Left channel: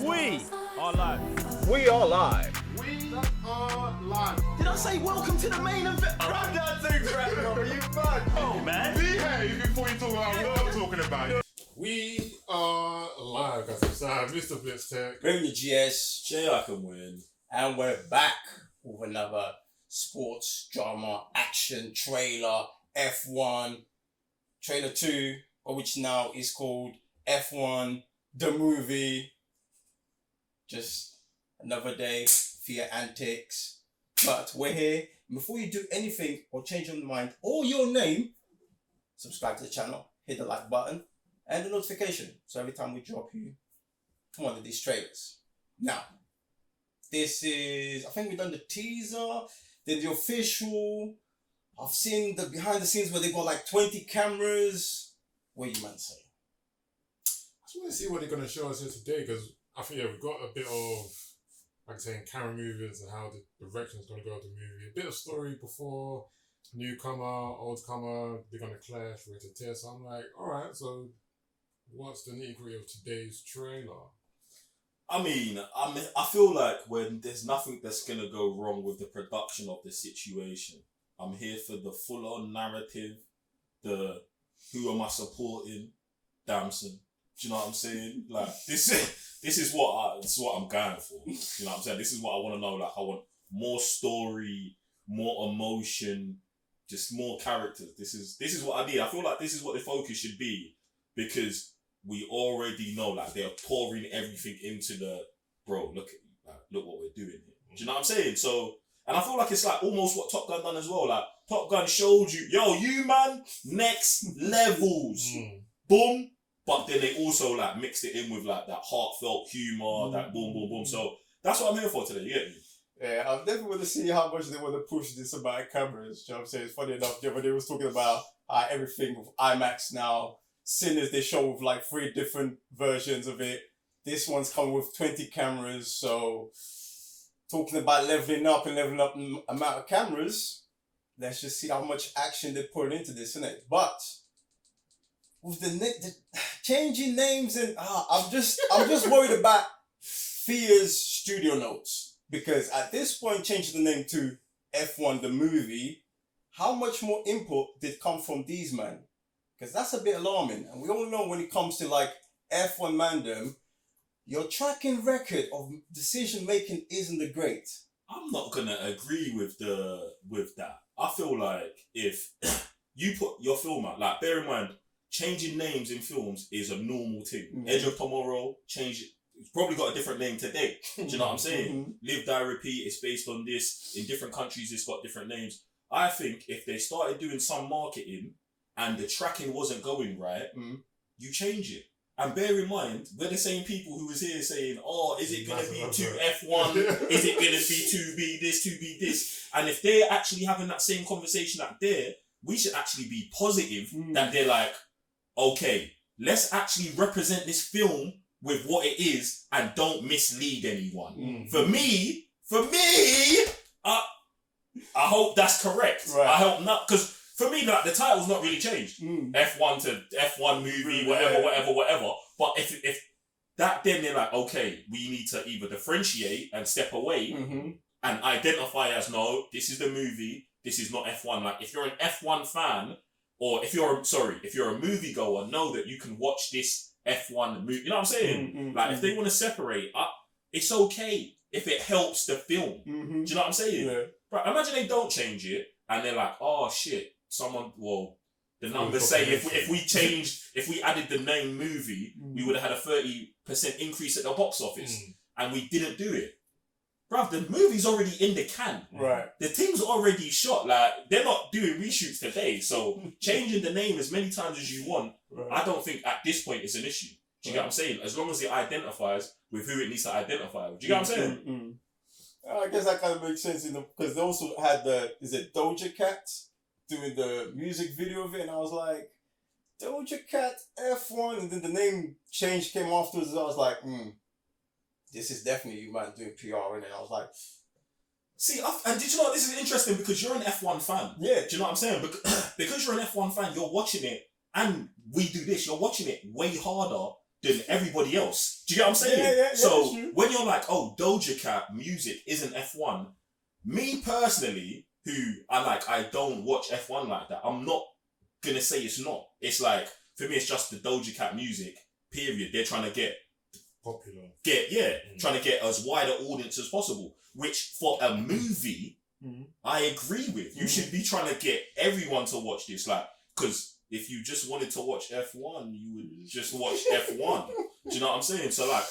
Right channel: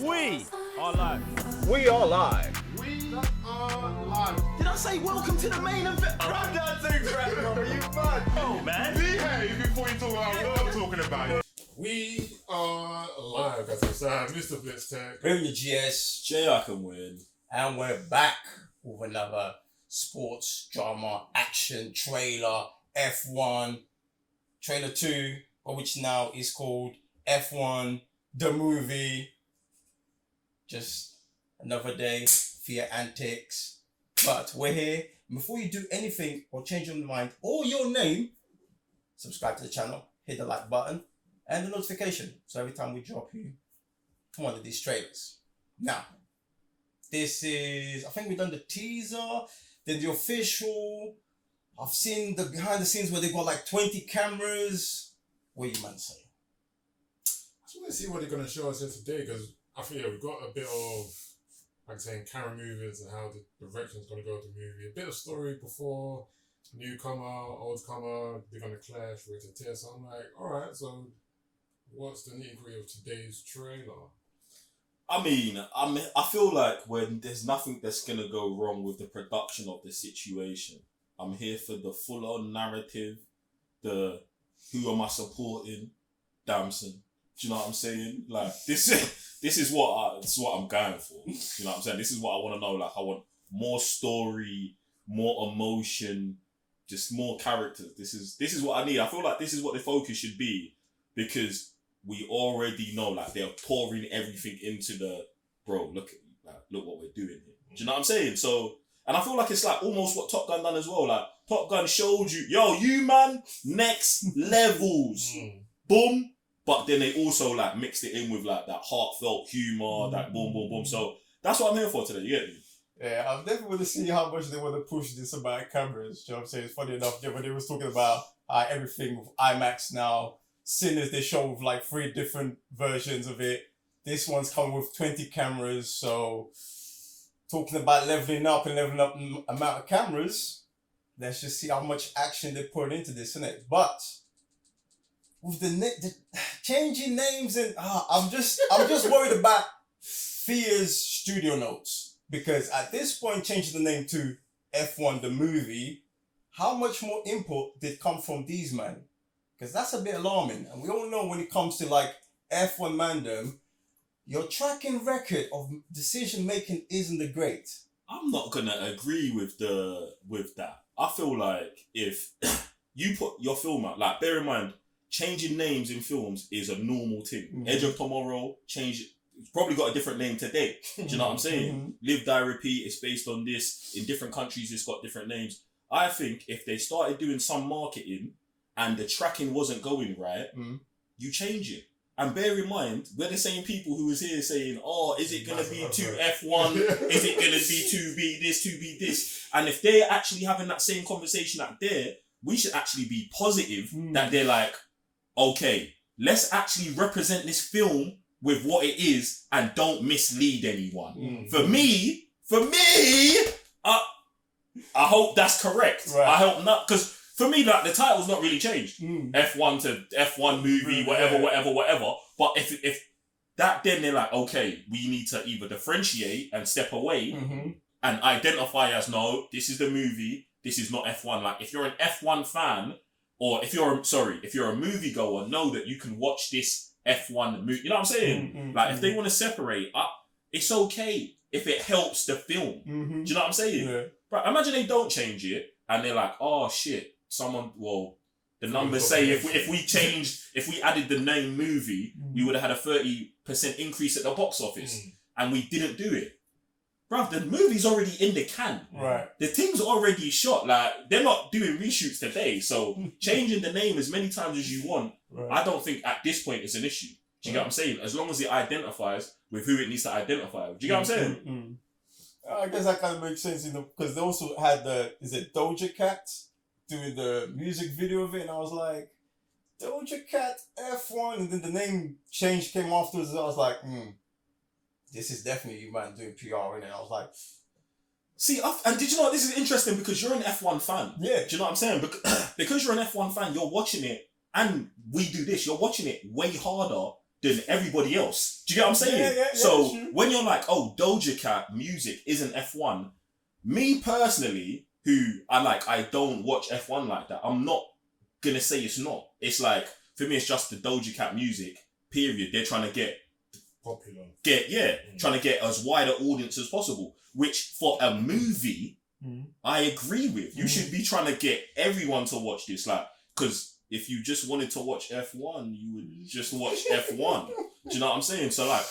We are live. We are live. We are live. Did I say welcome to the main event? I'm not too great, bro. You mad? Oh, man. Behave before you talk about what I'm talking about. We are live, guys. I'm sorry, Mr. Blitz Tech. Bring the GS, Jay, I can win. and we're back with another sports drama action trailer, F1 trailer 2, which now is called F1 the movie. Just another day for your antics, but we're here. Before you do anything or change your mind or your name, subscribe to the channel, hit the like button and the notification so every time we drop you one of these trailers. Now, this is, I think we've done the teaser, then the official. I've seen the behind the scenes where they got like 20 cameras. What do you man say? I just want to see what they're going to show us here today, because I think we've got a bit of, like I'm saying, camera movements and how the direction is going to go of the movie. A bit of story before newcomer, oldcomer, they're going to clash, we're to tear. So I'm like, alright, so what's the nitty-gritty of today's trailer? I mean, I feel like when there's nothing that's going to go wrong with the production of the situation, I'm here for the full-on narrative, the who am I supporting, Damson. Do you know what I'm saying? Like, this is what I'm going for. You know what I'm saying? This is what I want to know. Like, I want more story, more emotion, just more characters. This is what I need. I feel like this is what the focus should be, because we already know, like, they're pouring everything into the, bro, look what we're doing here. Do you know what I'm saying? So, and I feel like it's like almost what Top Gun done as well. Like, Top Gun showed you, yo, you man, next levels. Boom. But then they also like mixed it in with like that heartfelt humor, that boom, boom, boom. So that's what I'm here for today. You get me? Yeah, I definitely want to see how much they want to push this about cameras. You know what I'm saying? It's funny enough, when they was talking about everything with IMAX now, Sinners, they show with like 3 different versions of it. This one's coming with 20 cameras. So talking about leveling up amount of cameras, let's just see how much action they put into this, innit? But with the changing names, and I'm just worried about Fia's studio notes, because at this point changing the name to F1 the movie, how much more input did come from these men? Because that's a bit alarming, and we all know when it comes to like F1 mandem, your tracking record of decision making isn't the great. I'm not gonna agree with that. I feel like if you put your film out, like, bear in mind, changing names in films is a normal thing. Edge of Tomorrow, it's probably got a different name today. Do you know what I'm saying? Live, Die, Repeat, it's based on this. In different countries, it's got different names. I think if they started doing some marketing and the tracking wasn't going right, you change it. And bear in mind, we're the same people who was here saying, oh, is it going to be 2F1? Is it going to be 2B this, 2B this? And if they're actually having that same conversation out there, we should actually be positive that they're like, okay, let's actually represent this film with what it is and don't mislead anyone. For me, I hope that's correct. Right. I hope not, because for me, like, the title's not really changed. F1 to F1 movie, whatever. But if that, then they're like, okay, we need to either differentiate and step away and identify as, no, this is the movie, this is not F1. Like, if you're an F1 fan, or if you're a moviegoer, know that you can watch this F1 movie. You know what I'm saying? If they want to separate, it's okay if it helps the film. Do you know what I'm saying? Yeah. But imagine they don't change it and they're like, oh shit, the numbers say if we added the name movie, we would have had a 30% increase at the box office, and we didn't do it. Bruv, the movie's already in the can. Right. The thing's already shot. Like, they're not doing reshoots today. So changing the name as many times as you want, I don't think at this point it's an issue. Do you get what I'm saying? As long as it identifies with who it needs to identify with. Do you get what I'm saying? I guess that kind of makes sense, because they also had Doja Cat doing the music video of it, and I was like, Doja Cat F1, and then the name change came afterwards, and I was like, this is definitely you man doing PR, and I was like, see, and did you know this is interesting, because you're an F1 fan? Yeah. Do you know what I'm saying? Because you're an F1 fan, you're watching it, and we do this, you're watching it way harder than everybody else. Do you get what I'm saying? Yeah, so true. when you're like, oh, Doja Cat music isn't F1, me personally, who I don't watch F1 like that, I'm not gonna say it's not. It's like, for me, it's just the Doja Cat music, period. They're trying to get Popular. Trying to get as wide an audience as possible, which for a movie, I agree with. You should be trying to get everyone to watch this, like, because if you just wanted to watch F1, you would just watch F1. Do you know what I'm saying? So, like,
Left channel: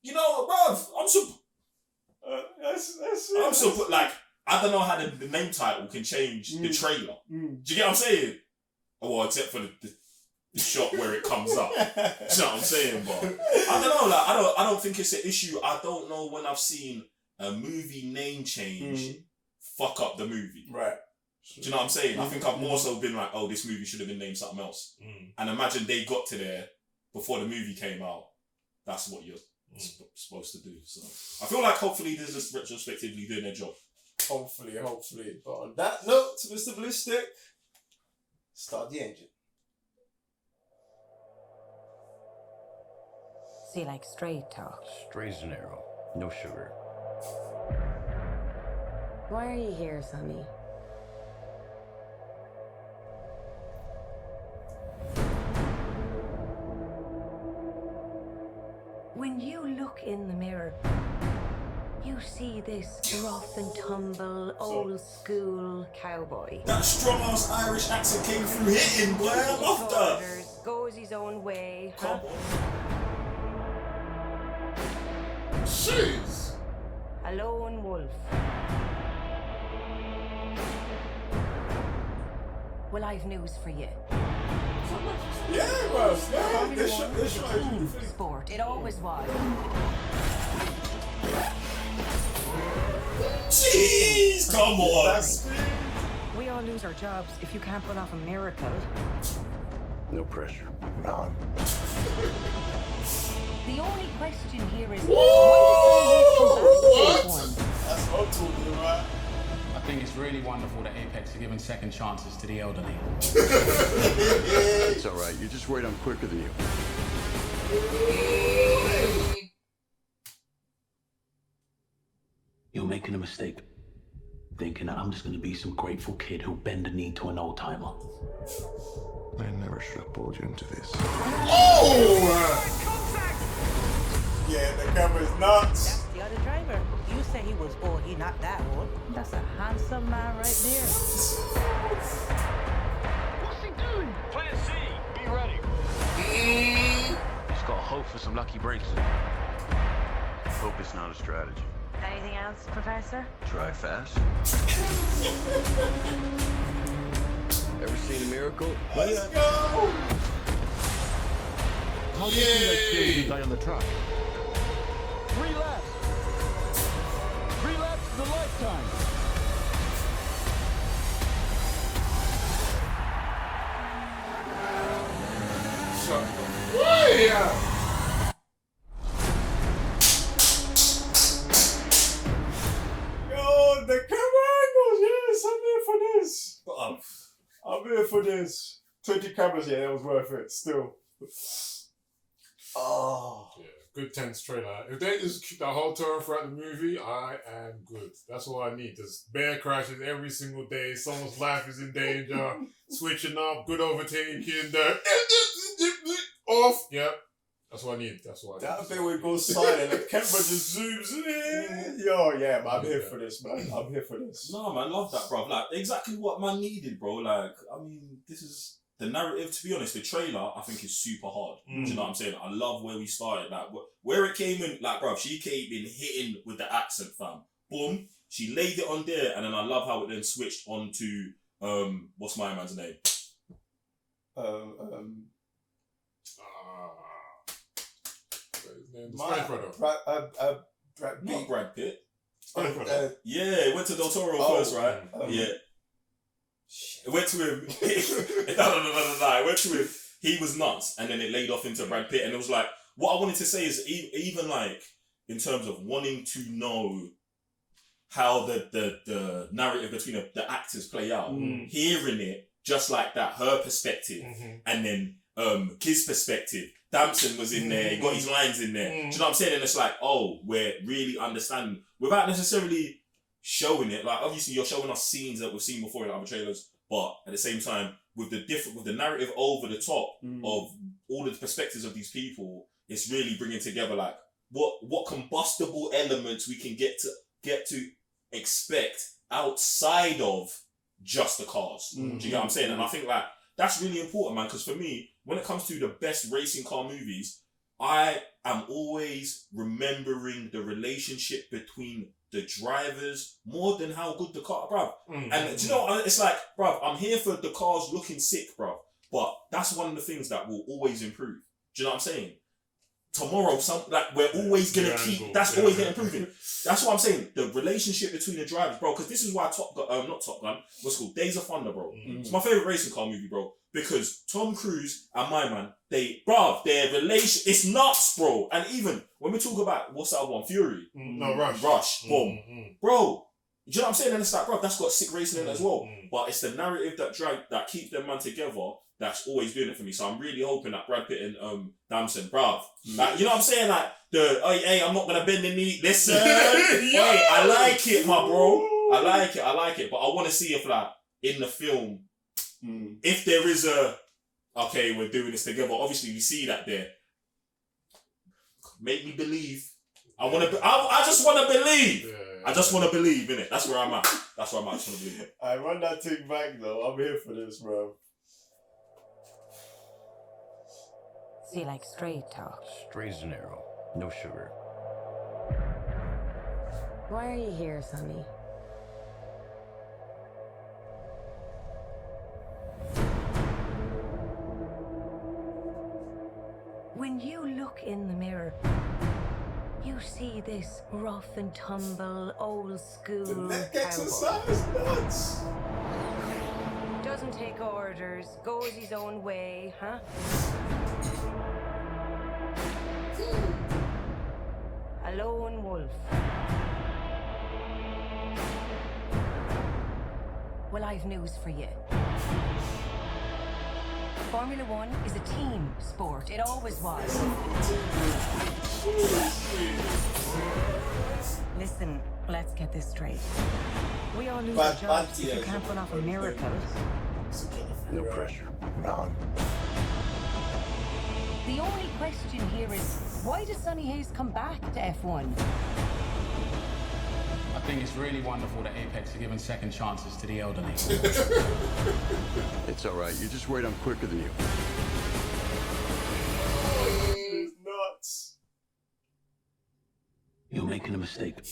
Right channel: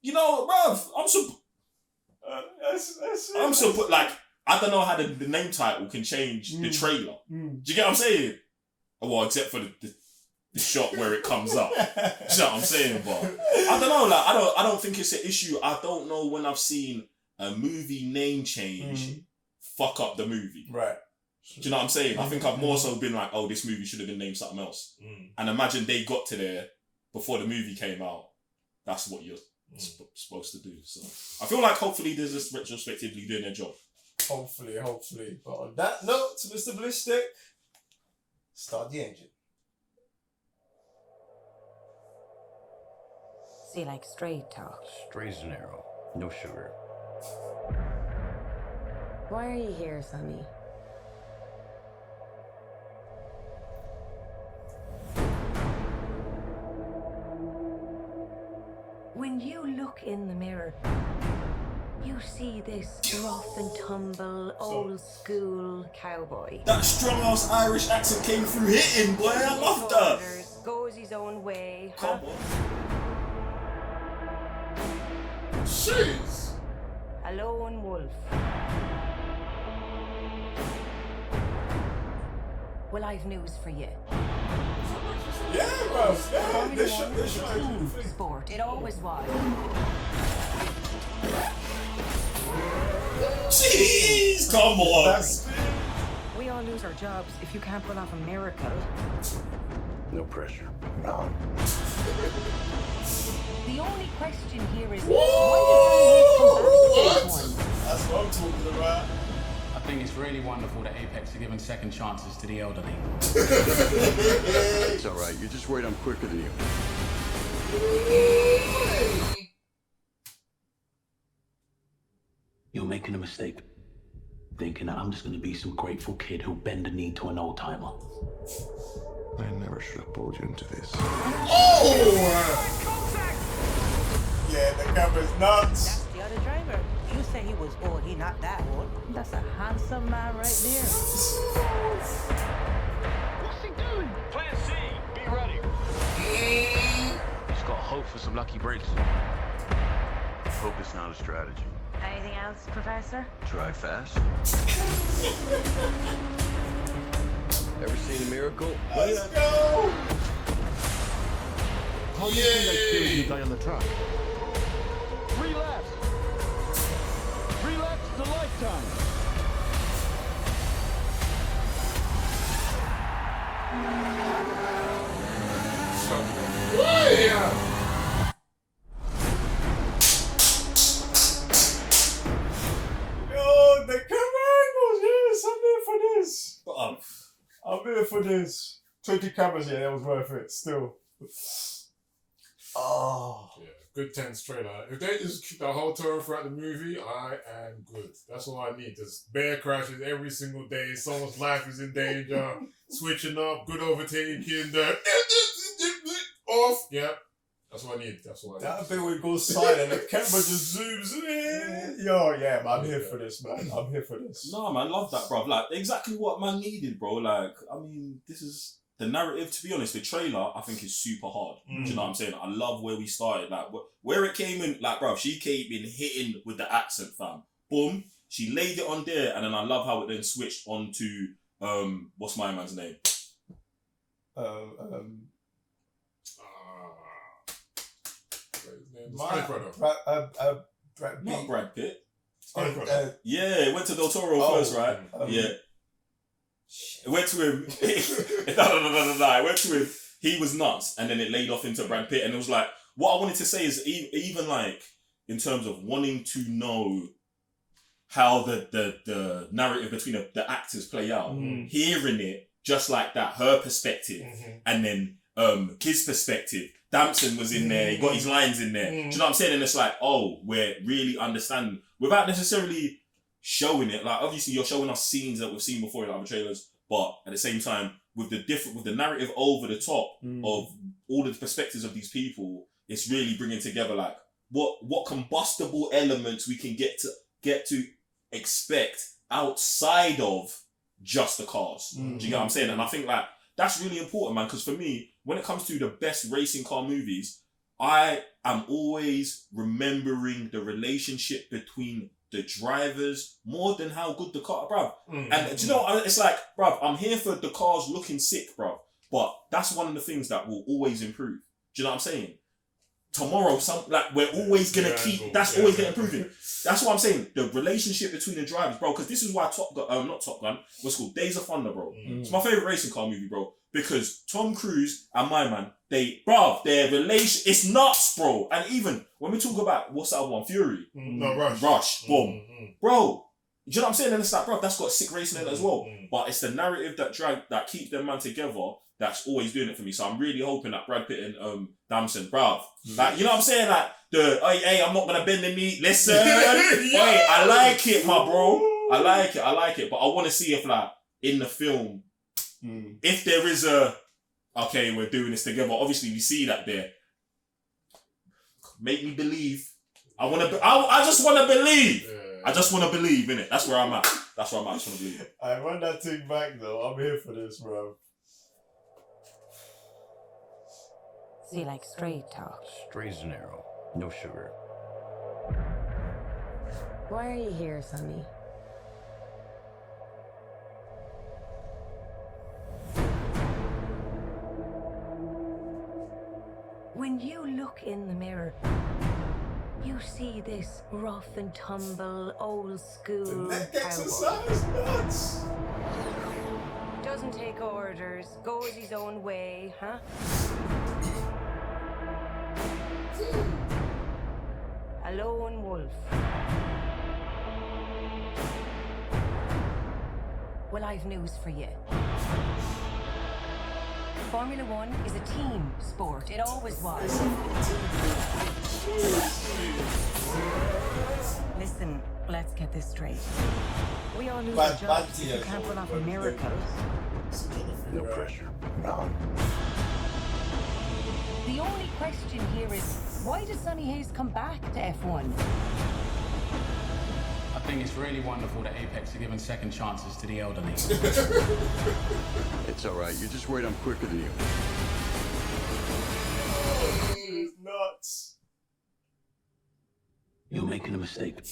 you know, bruv, like, I don't know how the name title can change the trailer. Do you get what I'm saying? Well, except for the shot where it comes up. Do you know what I'm saying? But I don't know, like, I don't think it's an issue. I don't know when I've seen a movie name change fuck up the movie. Right. Do you know what I'm saying? I think I've more so been like, oh, this movie should have been named something else. And imagine they got to there before the movie came out. That's what you're supposed to do. So I feel like hopefully this is retrospectively doing their job. Hopefully. But on that note, Mr. Ballistic, start the engine. So you like straight talk? Straight as an arrow. No sugar. Why are you here, Sonny? When you look in the mirror, you see this rough and tumble, old school cowboy. That strong ass Irish accent came through hitting, boy. I love that. Orders, goes his own way, Come huh? on. Jeez. A lone wolf. Well, I've news for you. Yeah, bro. Yeah, Formula this One should is a team sport. It always was. Jeez, come on. We all lose our jobs if you can't pull off a miracle. No pressure. None. The only question here is, why does he come back to one? That's what I'm talking about. I think it's really wonderful that Apex are giving second chances to the elderly. It's all right. You're just worried I'm quicker than you. You're making a mistake, thinking that I'm just going to be some grateful kid who'll bend the knee to an old timer. I never should have pulled you into this. Yeah, the camera's nuts. That's the other driver. You say he was old. He not that old. That's a handsome man right there. What's he doing? Plan C. Be ready. Just gotta hope for some lucky breaks. Hope it's not a strategy. Anything else, Professor? Drive fast. Ever seen a miracle? Let's go. How do you think I feel you die on the track? 3 laps. 3 laps is a lifetime. Yo, the camera angles, yes, I'm here for this. I'm here for this. 20 cameras, yeah, that was worth it, still. Oh. Yeah, good tense trailer. If they just keep the whole tone throughout the movie, I am good. That's all I need. There's bear crashes every single day. Someone's life is in danger. Switching up, good overtaking, off. Yeah, that's what I need. That's what I need. That bit where it goes silent, the camera just zooms in. Yo, yeah, man, I'm here for this, man. I'm here for this. No, man, love that, bro. Like, exactly what man needed, bro. Like, I mean, this is the narrative. To be honest, the trailer I think is super hard. Do you know what I'm saying? I love where we started. Like, where it came in. Like, bro, she came in hitting with the accent, fam. Boom, she laid it on there, and then I love how it then switched on to what's my man's name? Spanish brother. Brad Not Pitt. Brad Pitt. Spanish brother. Yeah, it went to Del Toro first, right? Yeah. It went to him. No. It went to him. He was nuts, and then it laid off into Brad Pitt, and it was like, what I wanted to say is even like in terms of wanting to know how the narrative between the actors play out, hearing it just like that, her perspective, and then kid's perspective. Damson was in there, he got his lines in there. Do you know what I'm saying? And it's like, oh, we're really understanding without necessarily showing it. Like, obviously, you're showing us scenes that we've seen before in other trailers, but at the same time, with the narrative over the top of all the perspectives of these people, it's really bringing together like what combustible elements we can get to expect outside of just the cars. Do you get what I'm saying? And I think like that's really important, man, because for me, when it comes to the best racing car movies, I am always remembering the relationship between the drivers more than how good the car, bruv. And do you know what? It's like, bruv, I'm here for the cars looking sick, bruv. But that's one of the things that will always improve. Do you know what I'm saying? Tomorrow, we're always gonna keep. That's always gonna improve. That's what I'm saying. The relationship between the drivers, bro. Because this is why not Top Gun. What's called Days of Thunder, bro. It's my favorite racing car movie, bro. Because Tom Cruise and my man, their relation, it's nuts, bro. And even when we talk about what's that one, Fury, Rush, boom, bro. Do you know what I'm saying? And it's like, bro, that's got sick racing in it as well. But it's the narrative that keeps them man together. That's always doing it for me. So I'm really hoping that Brad Pitt and Damson, bruv. Like, you know what I'm saying? Like, hey, I'm not gonna bend the knee. Listen. Hey, I like it, my bro. I like it. But I want to see if, like, in the film, if there is okay, we're doing this together. Obviously, we see that there. Make me believe. I just want to believe. I just want to believe, innit? That's where I'm at. I just want to believe. I run that thing back, though. I'm here for this, bro. See, like straight talk. Straight as an arrow. No sugar. Why are you here, Sonny? When you look in the mirror, you see this rough and tumble, old school cowboy. Doesn't take orders, goes his own way, huh? A lone wolf. Well, I've news for you. Formula One is a team sport. It always was. Listen, let's get this straight. We all lose our jobs if you can't pull off a miracle. No pressure. None. The only question here is, why does Sonny Hayes come back to F1? I think it's really wonderful that Apex are giving second chances to the elderly. It's all right. You're just worried I'm quicker than you. Nuts. You're making a mistake.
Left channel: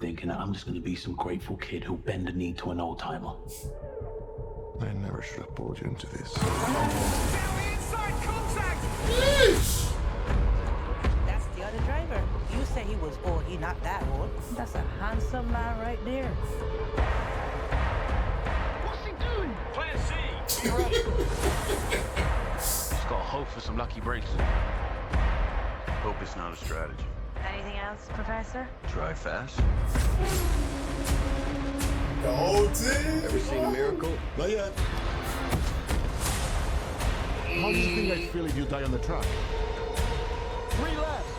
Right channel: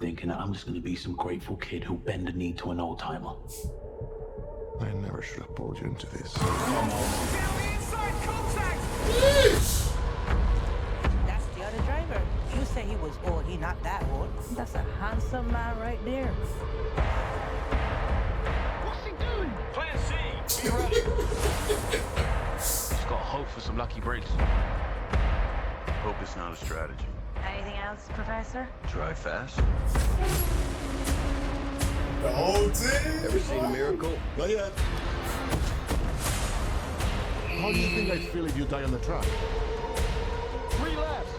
Thinking that I'm just going to be some grateful kid who'll bend the knee to an old timer. I never should have pulled you into this. That's the other driver. You say he was old, he not that old. That's a handsome man right there. What's he doing? Plan C. Be ready. Just gotta hope for some lucky breaks. Hope it's not a strategy. Anything else, Professor? Drive fast. The whole team. Ever seen a miracle? Not yet. How do you think I'd feel if you die on the track? 3 laps.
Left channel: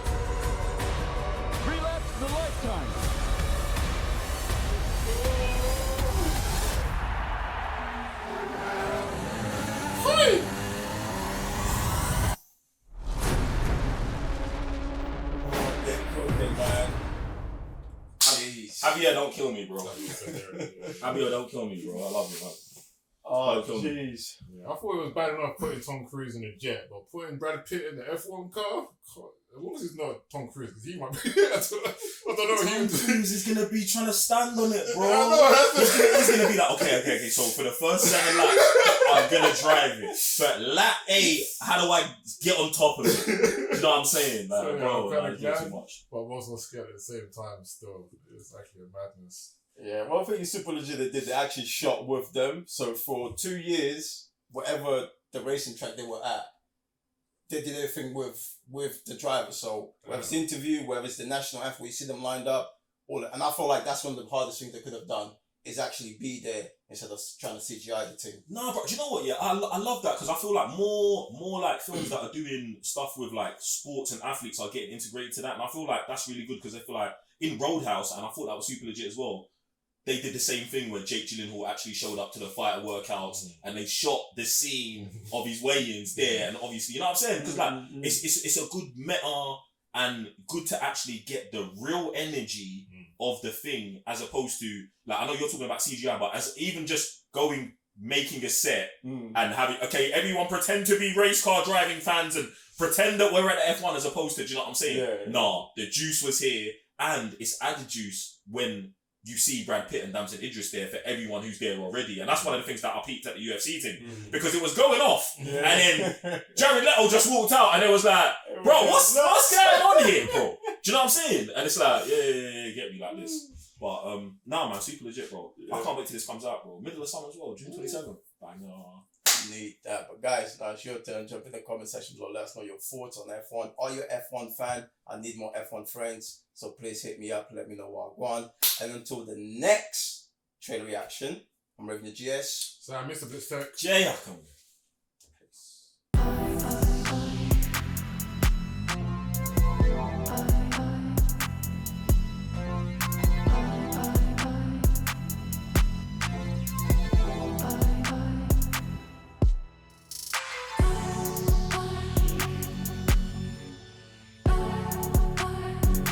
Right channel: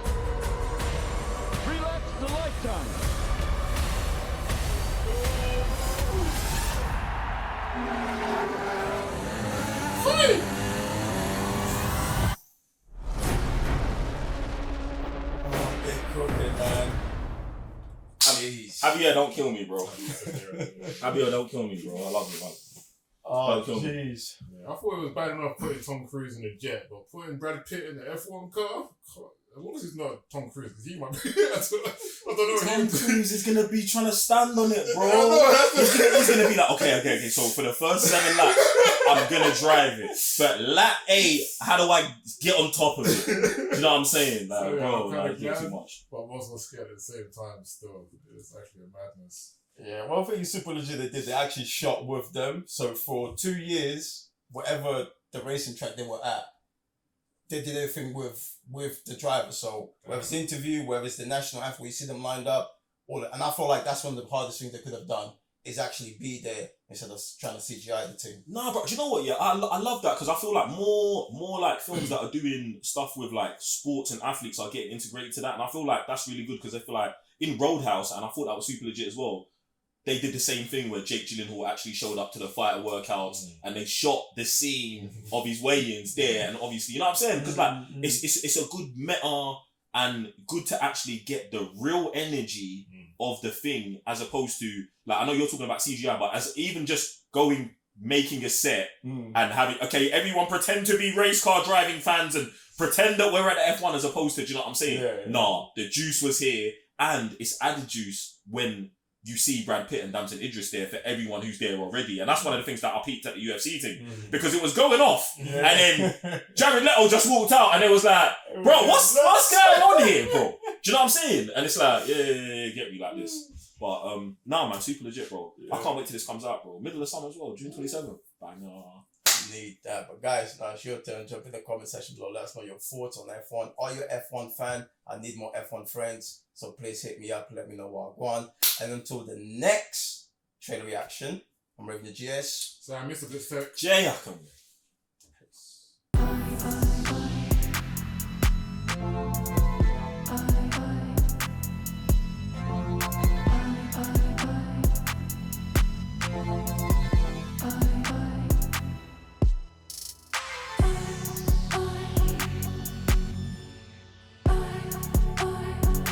3 laps is a lifetime. Javier, don't kill me, bro. Javier, don't kill me, bro. I love you, man. Oh, jeez. Yeah, I thought it was bad enough putting Tom Cruise in a jet, but putting Brad Pitt in the F1 car, as long as it's not Tom Cruise, because he might be. I don't know. Tom Cruise is gonna be trying to stand on it, bro. He's gonna be like, okay. So for the first 7 laps, I'm gonna drive it. But lap 8, how do I get on top of it? You know what I'm saying, like, So, yeah, bro? I'm Like, glad, too much. but I'm also scared at the same time. Still, it's actually a madness. Yeah, one thing is super legit they did, they actually shot with them. So for 2 years, whatever the racing track they were at, they did everything with the driver. So whether it's the interview, whether it's the national anthem, you see them lined up, and I feel like that's one of the hardest things they could have done is actually be there instead of trying to CGI the thing. Nah, but do you know what? Yeah, I love that because I feel like more like films that are doing stuff with like sports and athletes are getting integrated to that, and I feel like that's really good because I feel like in Roadhouse, and I thought that was super legit as well. They did the same thing where Jake Gyllenhaal actually showed up to the fighter workouts and they shot the scene of his weigh-ins there, and obviously, you know what I'm saying? Because like it's a good meta and good to actually get the real energy of the thing as opposed to like I know you're talking about CGI, but as even just making a set and having everyone pretend to be race car driving fans and pretend that we're at the F1 as opposed to, do you know what I'm saying? Yeah. Nah, the juice was here and it's added juice when you see Brad Pitt and Damson Idris there for everyone who's there already. And that's one of the things that I peeped at the UFC thing. Because it was going off. Yeah. And then Jared Leto just walked out and it was like, bro, what's going on here, bro? Do you know what I'm saying? And it's like, yeah, get me like this. But nah, man, super legit, bro. Yeah. I can't wait till this comes out, bro. Middle of summer as well, June 27th. Banger. Need that. But guys, now it's your turn. Jump in the comment section below. Let us know your thoughts on F1. Are you an F1 fan? I need more F1 friends. So please hit me up. Let me know what I want. And until the next trailer reaction, I'm Revenue GS. So Mr. Blitztech. Jay Huckham.